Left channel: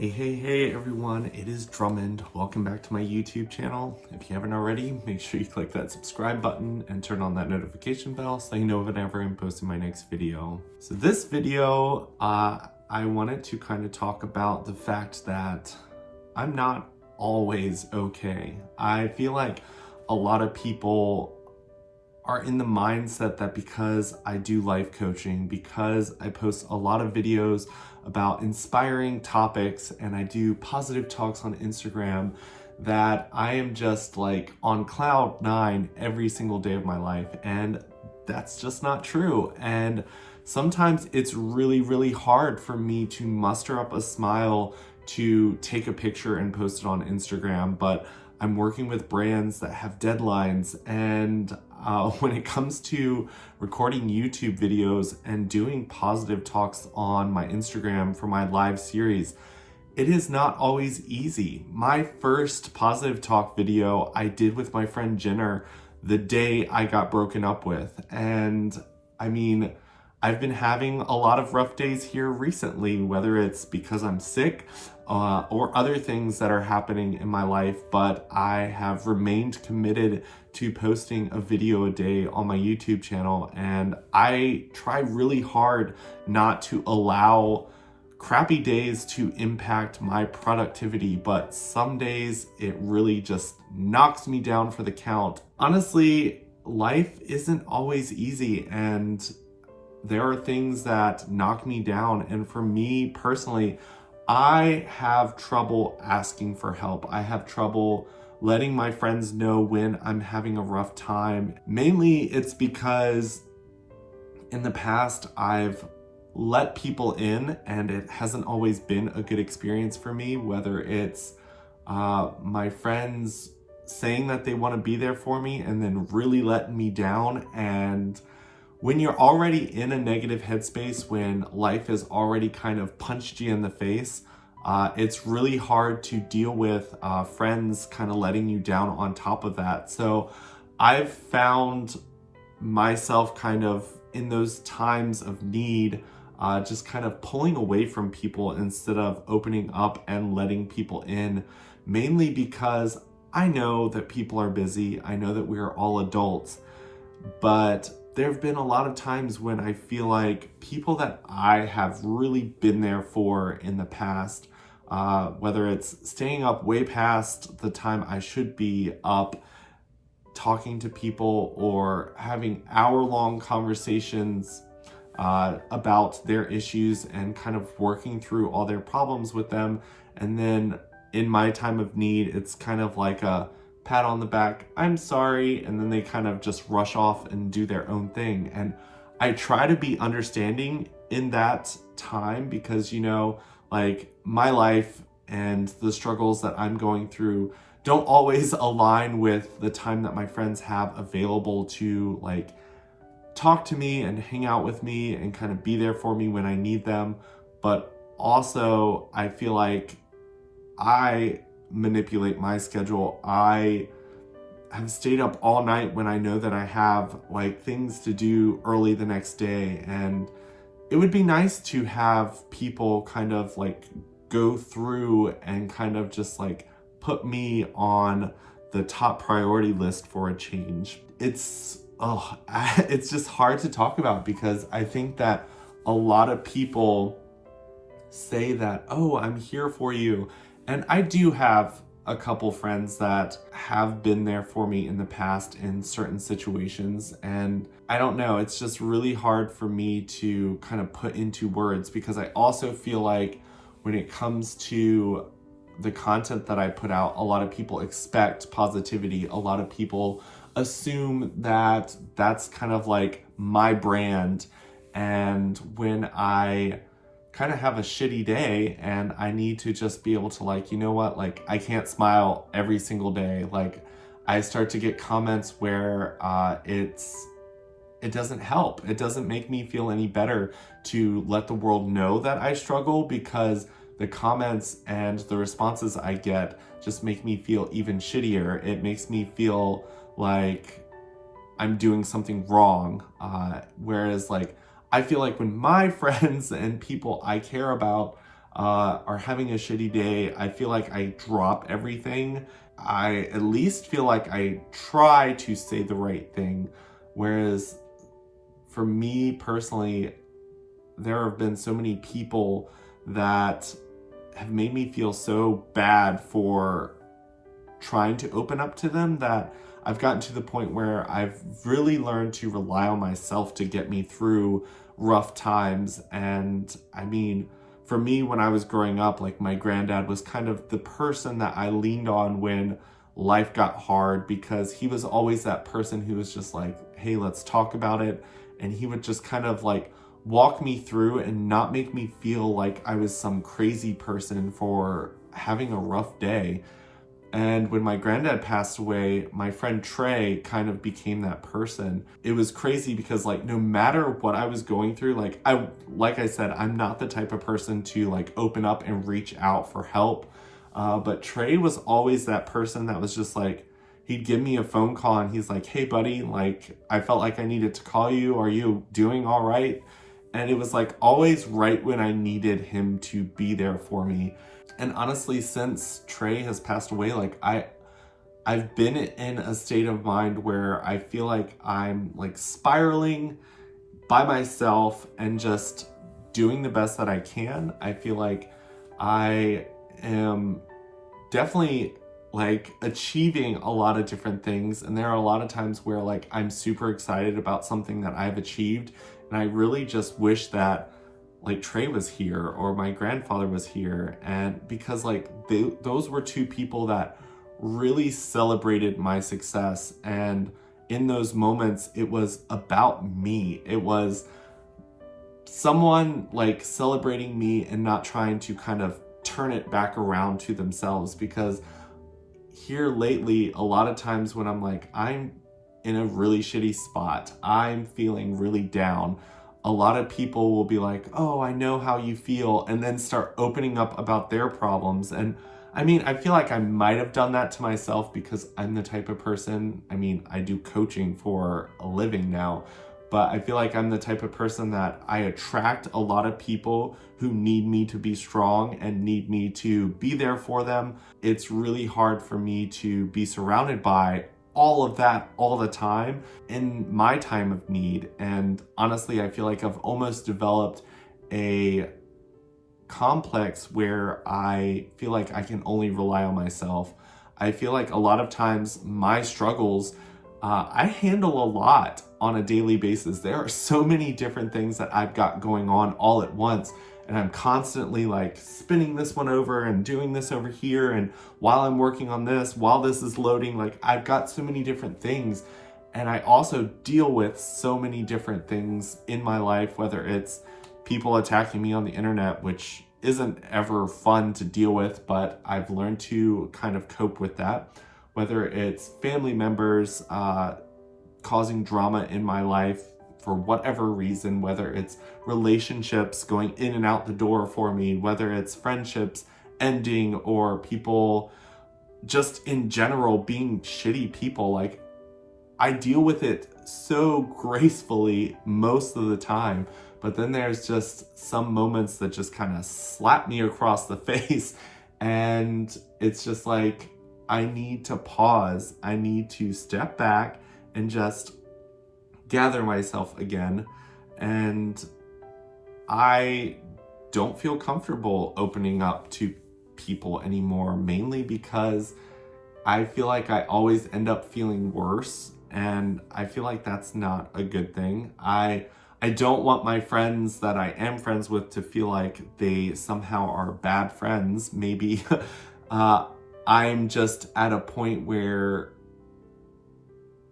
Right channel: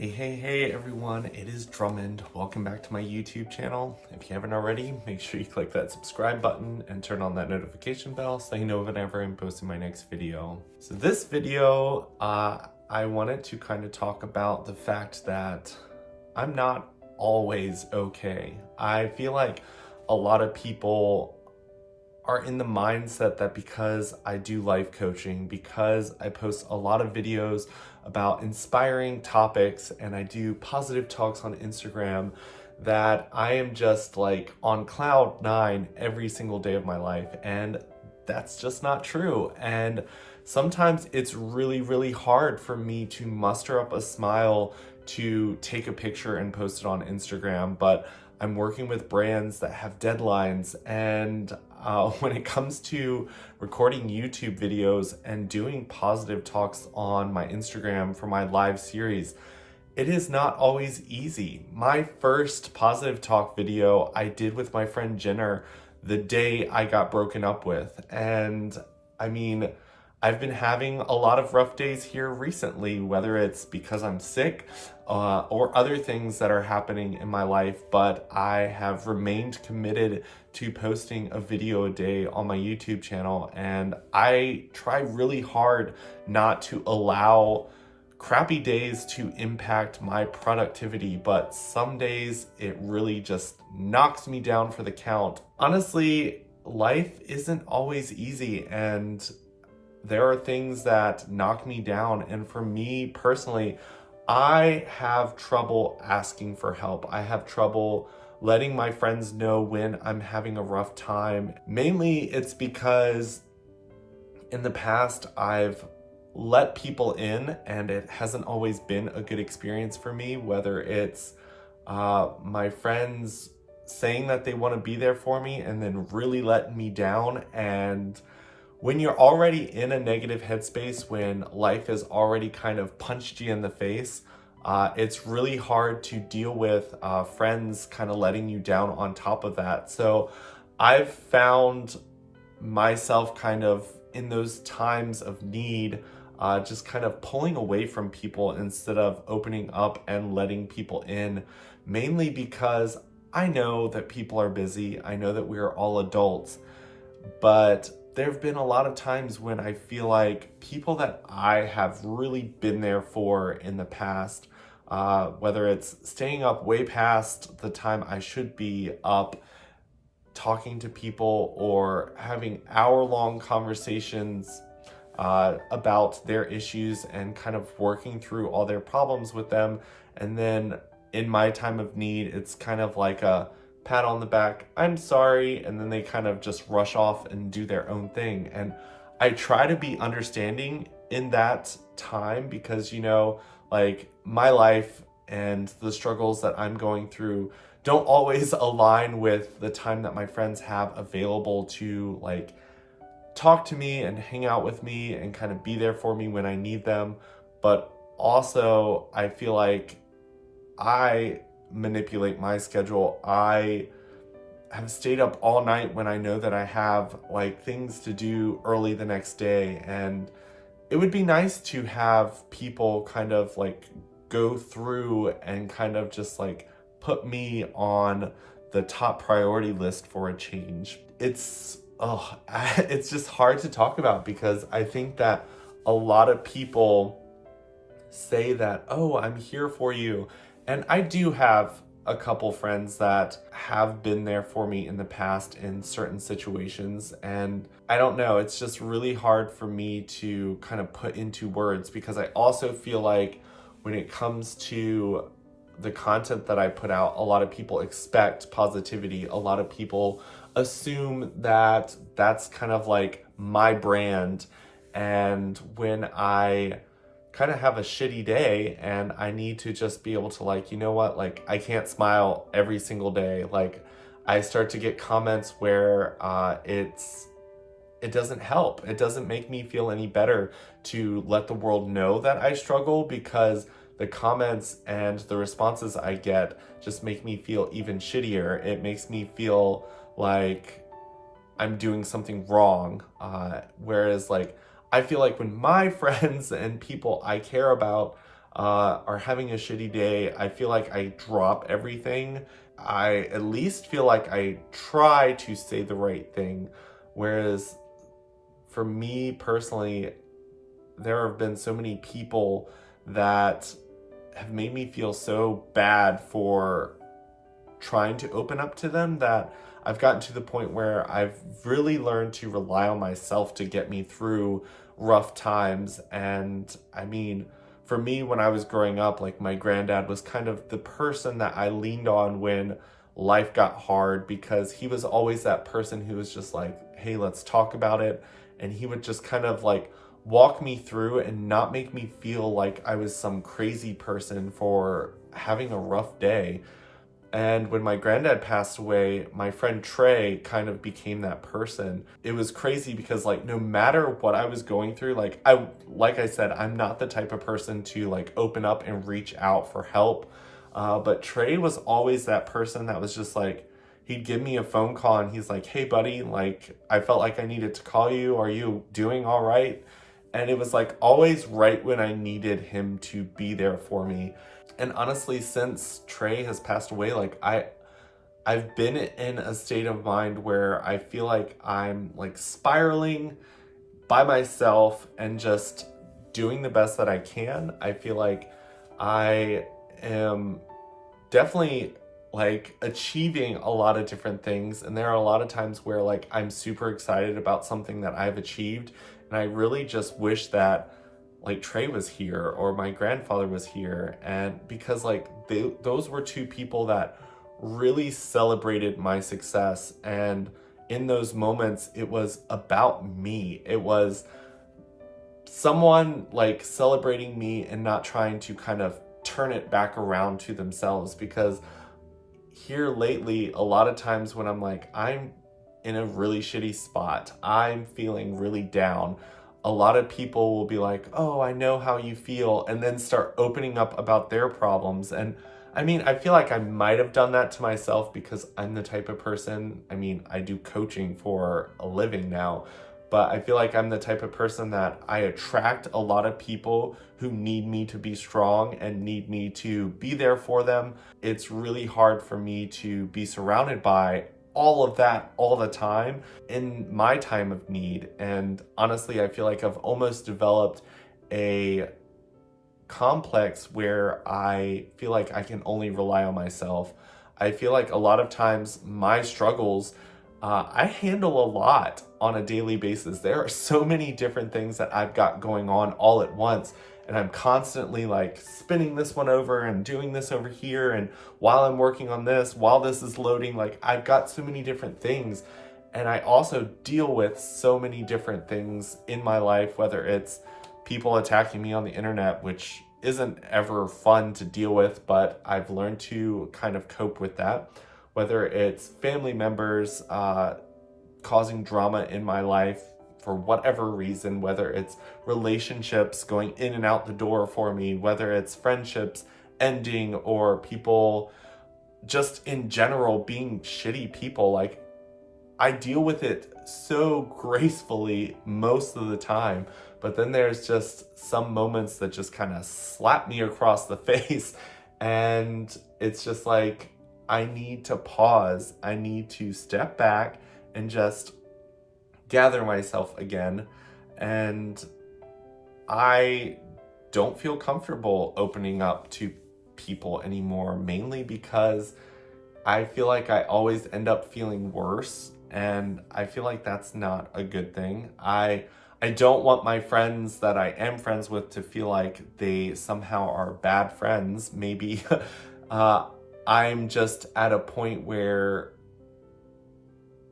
Hey everyone, it is Drummond. Welcome back to my YouTube channel. If you haven't already, make sure you click that subscribe button and turn on that notification bell so you know whenever I'm posting my next video. So this video, I wanted to kind of talk about the fact that I'm not always okay. I feel like a lot of people are in the mindset that because I do life coaching, because I post a lot of videos about inspiring topics and I do positive talks on Instagram, that I am just like on cloud nine every single day of my life. And that's just not true. And sometimes it's really hard for me to muster up a smile to take a picture and post it on Instagram, but I'm working with brands that have deadlines, and when it comes to recording YouTube videos and doing positive talks on my Instagram for my live series, it is not always easy. My first positive talk video I did with my friend Jenner the day I got broken up with, and I mean, I've been having a lot of rough days here recently, whether it's because I'm sick or other things that are happening in my life, but I have remained committed to posting a video a day on my YouTube channel, and I try really hard not to allow crappy days to impact my productivity, but some days it really just knocks me down for the count. Honestly, life isn't always easy, and there are things that knock me down. And for me personally, I have trouble asking for help. I have trouble letting my friends know when I'm having a rough time. Mainly it's because in the past I've let people in and it hasn't always been a good experience for me, whether it's my friends saying that they want to be there for me and then really letting me down. And when you're already in a negative headspace, when life has already kind of punched you in the face, it's really hard to deal with friends kind of letting you down on top of that. So I've found myself kind of in those times of need, just kind of pulling away from people instead of opening up and letting people in, mainly because I know that people are busy. I know that we are all adults, but there have been a lot of times when I feel like people that I have really been there for in the past, whether it's staying up way past the time I should be up, talking to people, or having hour-long conversations about their issues and kind of working through all their problems with them. And then in my time of need, it's kind of like a pat on the back, I'm sorry, and then they kind of just rush off and do their own thing. And I try to be understanding in that time because, you know, like my life and the struggles that I'm going through don't always align with the time that my friends have available to like talk to me and hang out with me and kind of be there for me when I need them. But also I feel like I manipulate my schedule. I have stayed up all night when I know that I have like things to do early the next day, and it would be nice to have people kind of like go through and kind of just like put me on the top priority list for a change. It's just hard to talk about because I think that a lot of people say that, oh, I'm here for you. And I do have a couple friends that have been there for me in the past in certain situations. And I don't know, it's just really hard for me to kind of put into words because I also feel like when it comes to the content that I put out, a lot of people expect positivity. A lot of people assume that that's kind of like my brand. And when I kind of have a shitty day and I need to just be able to like, you know what, like I can't smile every single day. Like I start to get comments where it doesn't help. It doesn't make me feel any better to let the world know that I struggle, because the comments and the responses I get just make me feel even shittier. It makes me feel like I'm doing something wrong. Whereas like I feel like when my friends and people I care about are having a shitty day, I feel like I drop everything. I at least feel like I try to say the right thing. Whereas for me personally, there have been so many people that have made me feel so bad for trying to open up to them that I've gotten to the point where I've really learned to rely on myself to get me through rough times. And I mean, for me, when I was growing up, like my granddad was kind of the person that I leaned on when life got hard, because he was always that person who was just like, hey, let's talk about it. And he would just kind of like walk me through and not make me feel like I was some crazy person for having a rough day. And when my granddad passed away, my friend Trey kind of became that person. It was crazy because like no matter what I was going through, like I said, I'm not the type of person to like open up and reach out for help. But Trey was always that person that was just like, he'd give me a phone call and he's like, hey buddy, like I felt like I needed to call you. Are you doing all right? And it was like always right when I needed him to be there for me. And honestly, since Trey has passed away, like I've been in a state of mind where I feel like I'm like spiraling by myself and just doing the best that I can. I feel like I am definitely like achieving a lot of different things. And there are a lot of times where like I'm super excited about something that I've achieved. And I really just wish that like Trey was here or my grandfather was here. And because like those were two people that really celebrated my success. And in those moments, it was about me. It was someone like celebrating me and not trying to kind of turn it back around to themselves. Because here lately, a lot of times when I'm like, I'm in a really shitty spot, I'm feeling really down, a lot of people will be like, oh, I know how you feel, and then start opening up about their problems. And I mean, I feel like I might have done that to myself because I'm the type of person, I mean, I do coaching for a living now, but I feel like I'm the type of person that I attract a lot of people who need me to be strong and need me to be there for them. It's really hard for me to be surrounded by all of that all the time in my time of need. And honestly, I feel like I've almost developed a complex where I feel like I can only rely on myself. I feel like a lot of times my struggles, I handle a lot on a daily basis. There are so many different things that I've got going on all at once. And I'm constantly like spinning this one over and doing this over here. And while I'm working on this, while this is loading, like I've got so many different things. And I also deal with so many different things in my life, whether it's people attacking me on the internet, which isn't ever fun to deal with, but I've learned to kind of cope with that. Whether it's family members causing drama in my life for whatever reason, whether it's relationships going in and out the door for me, whether it's friendships ending or people just in general being shitty people, like I deal with it so gracefully most of the time. But then there's just some moments that just kind of slap me across the face. And it's just like, I need to pause. I need to step back and just gather myself again. And I don't feel comfortable opening up to people anymore, mainly because I feel like I always end up feeling worse. And I feel like that's not a good thing. I don't want my friends that I am friends with to feel like they somehow are bad friends. Maybe I'm just at a point where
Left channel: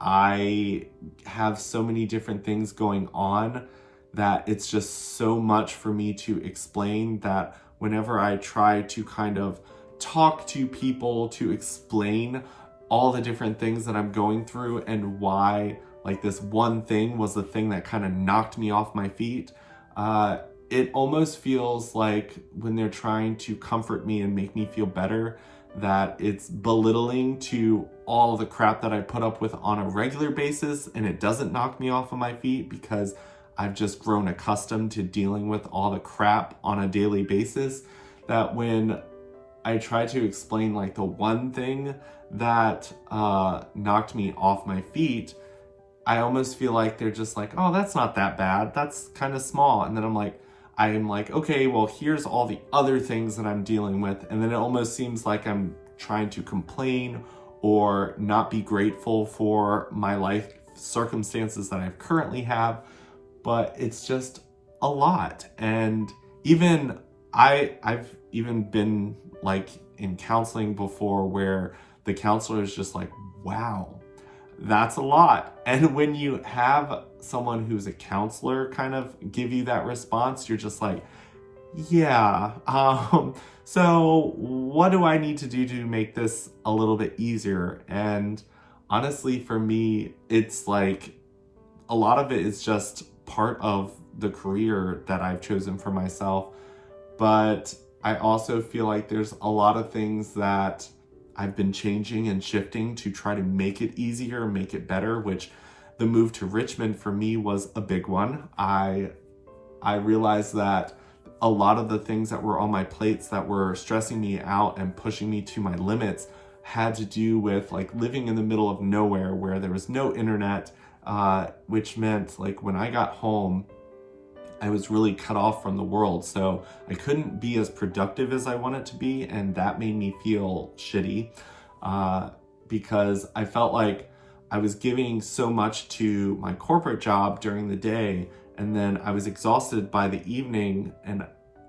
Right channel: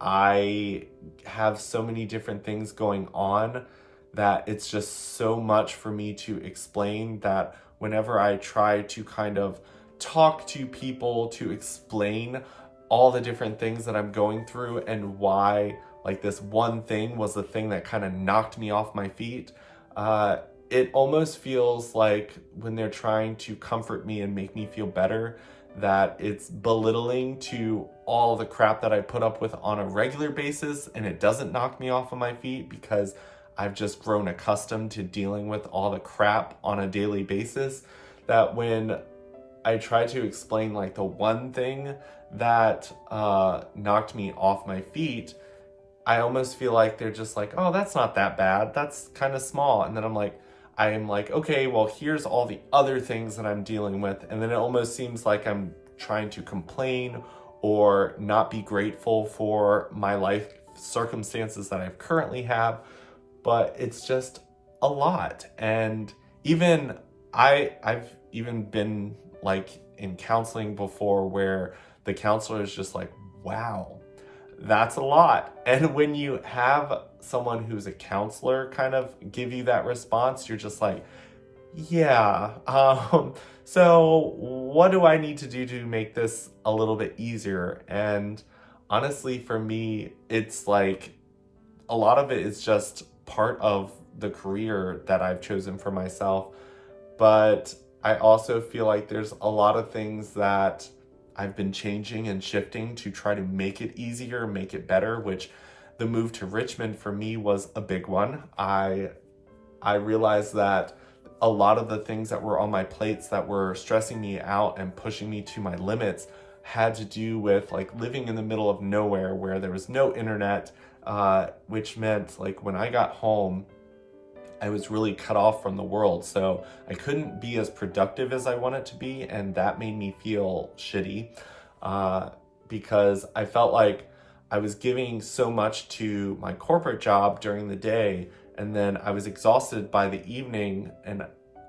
I have so many different things going on that it's just so much for me to explain that whenever I try to kind of talk to people to explain all the different things that I'm going through and why like this one thing was the thing that kind of knocked me off my feet, it almost feels like when they're trying to comfort me and make me feel better, that it's belittling to all the crap that I put up with on a regular basis, and it doesn't knock me off of my feet because I've just grown accustomed to dealing with all the crap on a daily basis. that when I try to explain like the one thing that knocked me off my feet, I almost feel like they're just like, oh, that's not that bad. That's kind of small. And then I am like, okay, well, here's all the other things that I'm dealing with. And then it almost seems like I'm trying to complain or not be grateful for my life circumstances that I currently have. But it's just a lot. And even I've even been like in counseling before where the counselor is just like, wow, that's a lot. And when you have someone who's a counselor kind of give you that response, you're just like, yeah, so what do I need to do to make this a little bit easier? And honestly, for me, it's like a lot of it is just part of the career that I've chosen for myself. But I also feel like there's a lot of things that I've been changing and shifting to try to make it easier, make it better, which the move to Richmond for me was a big one. I realized that a lot of the things that were on my plates that were stressing me out and pushing me to my limits had to do with like living in the middle of nowhere where there was no internet, which meant like when I got home, I was really cut off from the world. So I couldn't be as productive as I wanted to be. And that made me feel shitty because I felt like I was giving so much to my corporate job during the day. And then I was exhausted by the evening, and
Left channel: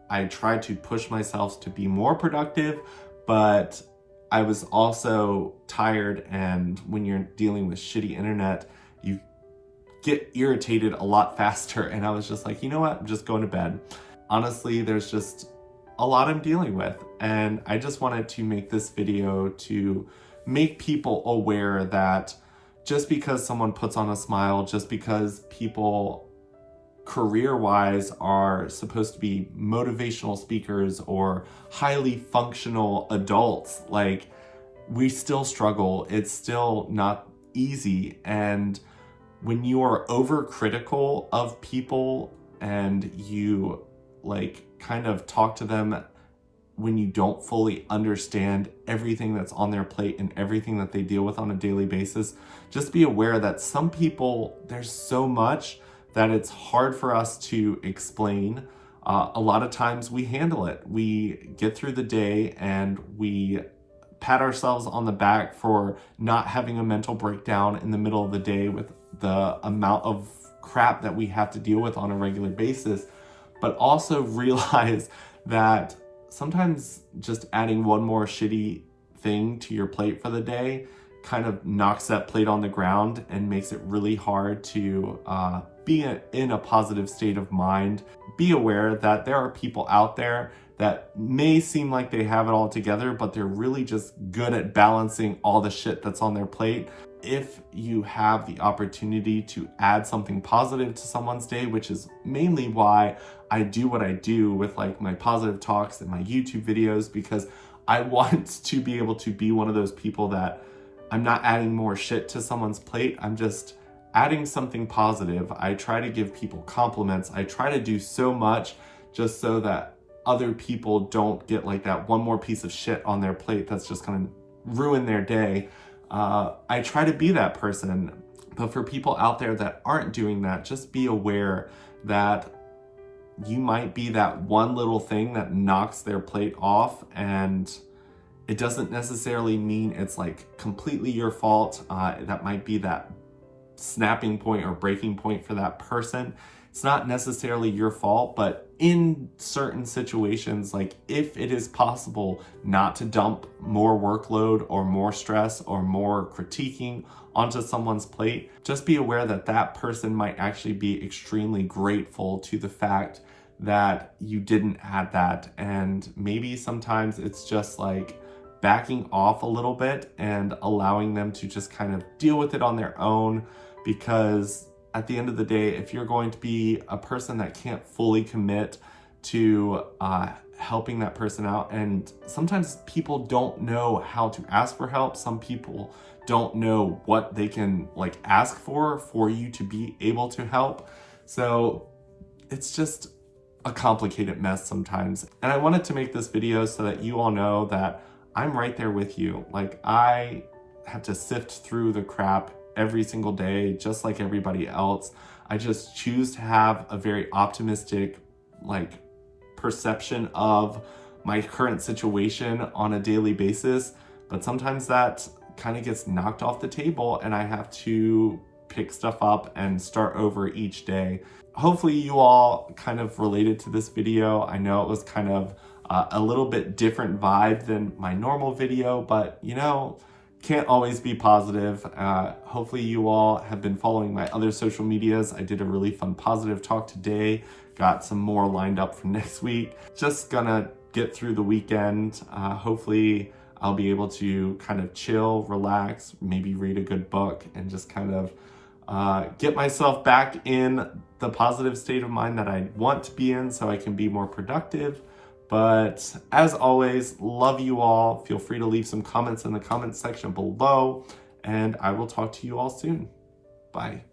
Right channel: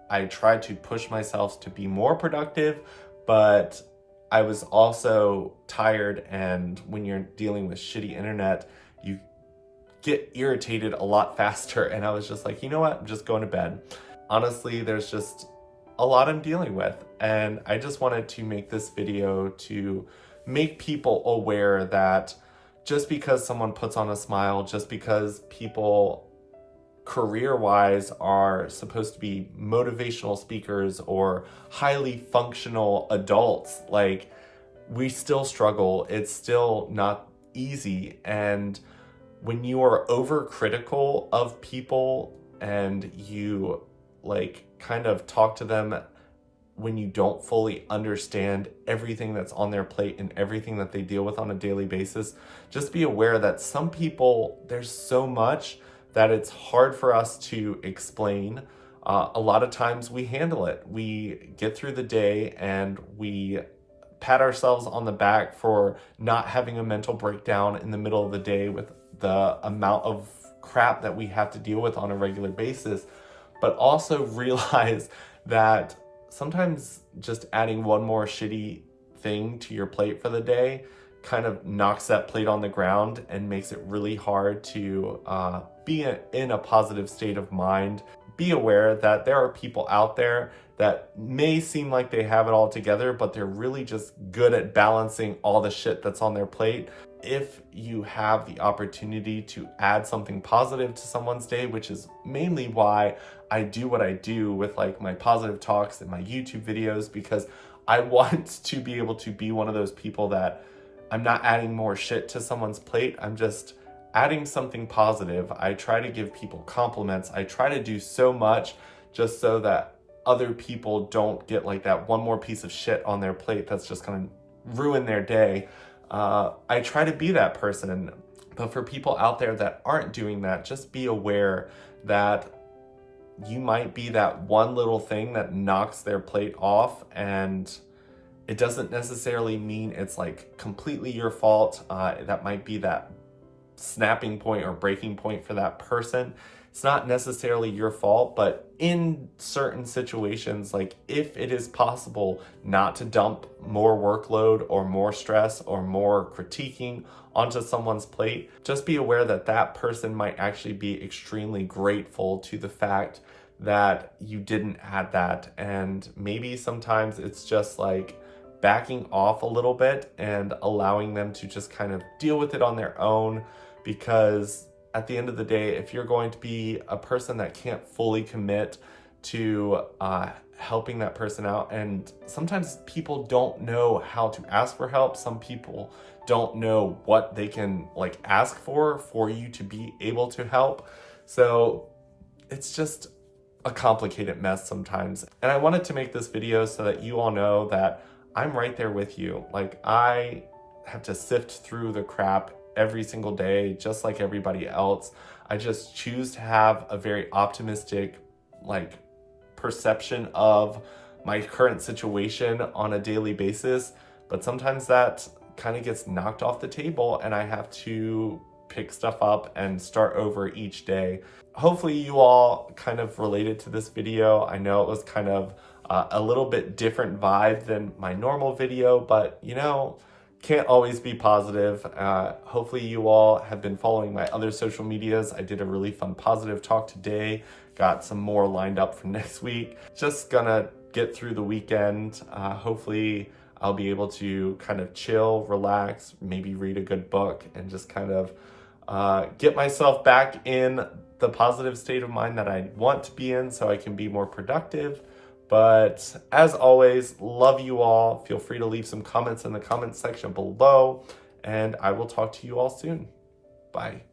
I tried to push myself to be more productive, but I was also tired. And when you're dealing with shitty internet, you get irritated a lot faster. And I was just like, you know what? I'm just going to bed. Honestly, there's just a lot I'm dealing with. And I just wanted to make this video to make people aware that just because someone puts on a smile, just because people career-wise are supposed to be motivational speakers or highly functional adults, like we still struggle. It's still not easy. And when you are overcritical of people and you like kind of talk to them when you don't fully understand everything that's on their plate and everything that they deal with on a daily basis, just be aware that some people, there's so much that it's hard for us to explain. A lot of times we handle it. We get through the day and we pat ourselves on the back for not having a mental breakdown in the middle of the day with the amount of crap that we have to deal with on a regular basis, but also realize that sometimes just adding one more shitty thing to your plate for the day kind of knocks that plate on the ground and makes it really hard to be in a positive state of mind. Be aware that there are people out there that may seem like they have it all together, but they're really just good at balancing all the shit that's on their plate. If you have the opportunity to add something positive to someone's day, which is mainly why I do what I do with like my positive talks and my YouTube videos, because I want to be able to be one of those people that I'm not adding more shit to someone's plate. I'm just adding something positive. I try to give people compliments. I try to do so much just so that other people don't get like that one more piece of shit on their plate that's just gonna ruin their day. I try to be that person. But for people out there that aren't doing that, just be aware that you might be that one little thing that knocks their plate off, and it doesn't necessarily mean it's like completely your fault. That might be that snapping point or breaking point for that person. It's not necessarily your fault, but in certain situations, like if it is possible not to dump more workload or more stress or more critiquing onto someone's plate, just be aware that that person might actually be extremely grateful to the fact that you didn't add that. And maybe sometimes it's just like backing off a little bit and allowing them to just kind of deal with it on their own, because at the end of the day, if you're going to be a person that can't fully commit to helping that person out, and sometimes people don't know how to ask for help. Some people don't know what they can like ask for you to be able to help. So it's just a complicated mess sometimes. And I wanted to make this video so that you all know that I'm right there with you. Like, I have to sift through the crap every single day, just like everybody else. I just choose to have a very optimistic, like, perception of my current situation on a daily basis. But sometimes that kind of gets knocked off the table and I have to pick stuff up and start over each day. Hopefully you all kind of related to this video. I know it was kind of a little bit different vibe than my normal video, but you know, can't always be positive. Hopefully you all have been following my other social medias. I did a really fun positive talk today. Got some more lined up for next week. Just gonna get through the weekend. Hopefully I'll be able to kind of chill, relax, maybe read a good book and just kind of get myself back in the positive state of mind that I want to be in so I can be more productive. But as always, love you all. Feel free to leave some comments in the comments section below, and I will talk to you all soon. Bye.